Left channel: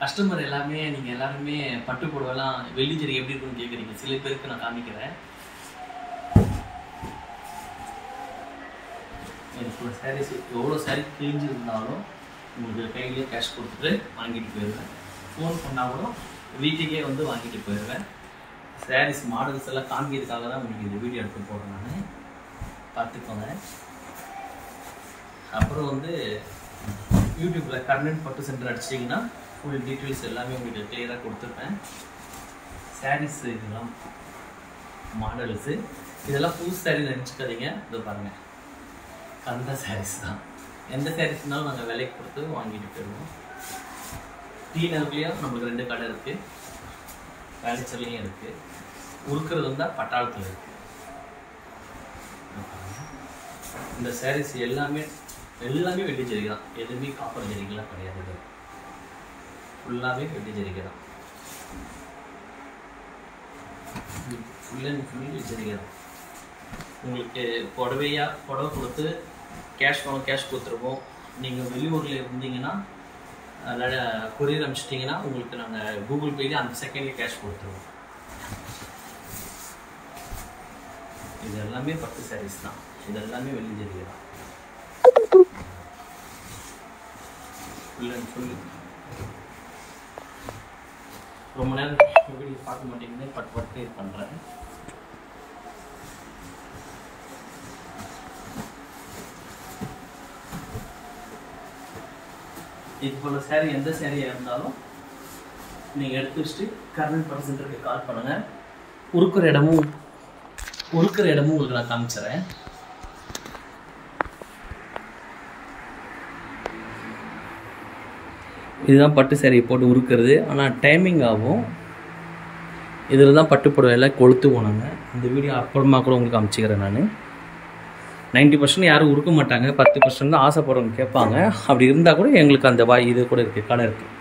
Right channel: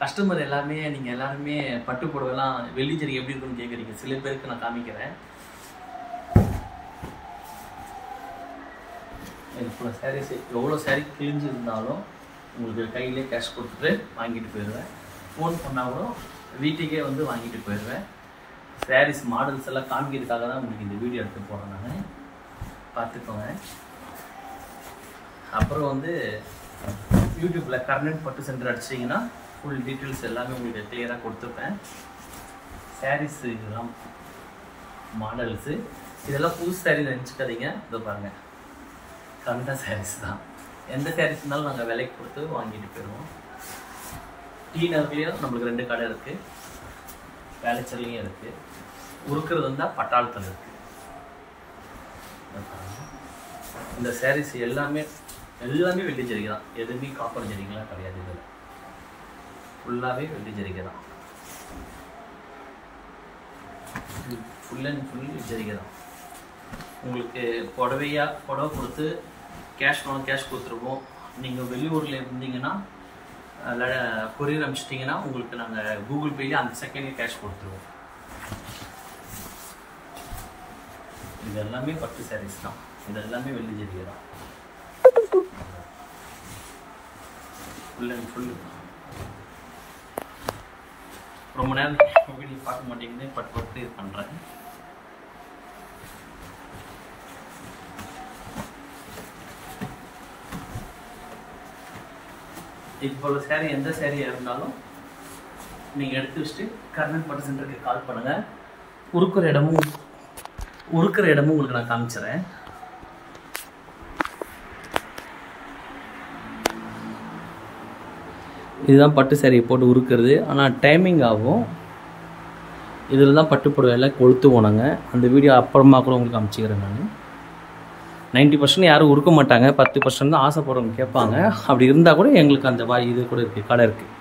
Customer எல்லாமே நீங்கள் எல்லாருமே பட்டு புடவைலாம் வெள்ளி ஜரி எப்படி இருக்குன்னு கேட்குறீங்க. சில பேருக்கு நான் காமிக்கிறேன். இப்போ சாரீஸ் எவ்வளோ சாரீ கிழிஞ்சு இருந்தாலும் உங்களுக்கு கையிலே கேஷ் கொடுத்துட்டு வாங்கிட்டு போயிடுவேன். ஃபோன் பண்ணால் கூட வீட்டுக்கே வந்து வாங்கிட்டு போயிடுவேன். சாரீஸ் மாடல்ஸ் எல்லாம் காமிக்கிறதுக்காக தான் உங்களுக்கு இந்த வீடியோ எடுத்து போடுறேன். நான் பார்த்துக்கோங்க. அப்புறம் வந்து யூடியூப்பில் கர்ணன் பட்டு சென்டர் அடிச்சிட்டிங்கன்னா ஃபுல் டீட்டெயில்ஸ் எல்லாமே உங்களுக்கு கிளியராக கொடுத்துருப்பேன். சாரீஸ் இதெல்லாம் மாடல்ஸு இதெல்லாம் புது சாரீ நினச்சிக்காதீங்க. இதோ பாருங்கள், கந்த சாரீஸ் தான். எந்த சாரீஸ்னாலும் நாங்கள் விலைக்கு கொடுத்து வாங்கிட்டு போயிடுவோம். டி நகர்லேயும் நம்மளுக்கு 2 கடை இருக்குது, வேலைச்சல்லையும் இருக்குது. உருக்கிறது வந்தால் பட்டாளத்தில் இருக்குது. இந்த சாரீஸ் எல்லாமே வெள்ளி ஜரிகை தான். எதுவுமே காப்பர் ஜரிகைலாம் கிடையாது. இது ஃபுல்லாகவே வெள்ளி ஜரிகை தான். ஃபுல் அண்ட் ஃபுல் ஜரிகை தான். உங்களுக்கு புடவை கொடுத்து கேஷ் கொடுத்துருவோம். நீங்கள் வெளியூரில் இருந்தீங்கன்னா கொரியர் அனுப்பிச்சிட்டிங்கன்னா உங்களுக்கு நாங்கள் கூகுள் பேலேயே அந்த செகண்ட்லேயே கேஷ் கொடுத்துருவோம். இது எல்லாமே பட்டு சாரீஸ் தான். இது எல்லாமே வெள்ளி ஜரிகை தான். Full and full. ரொம்ப நேரம் வீடியோ பார்க்க மாட்டேங்குது, பட்டு இது பண்ணுறேன். இது போல் சாரீ எந்த சாரியாக இருந்தாலும் நீங்கள் எடுத்து வச்சுட்டு கர்ணன் பட்டு சென்டருக்கு கால் பண்ணுங்கள். உருக்குற இடமும் உங்களுக்கு நான் காமிச்சிடுறேன். இதுதான் பட்டு சாரியை போட்டு உருக்கிறது. ஆனால் டைமிங் ஆகும். இதில் தான் பட்டு புடவை எல்லாம் கொளுத்து போனாங்க. அந்த வீடியோ அப்புறமா கூட உங்களுக்கு காமிச்சிக்கிறேன். நான் 90% யாரும் உருக்க மாட்டாங்க, 10% தான் ஆசைப்படுறவங்க கேட்பாங்க. அப்படி இருந்தால் கூட எங்களுக்கு அந்த இது கூட இருக்குது, கடை இருக்குது.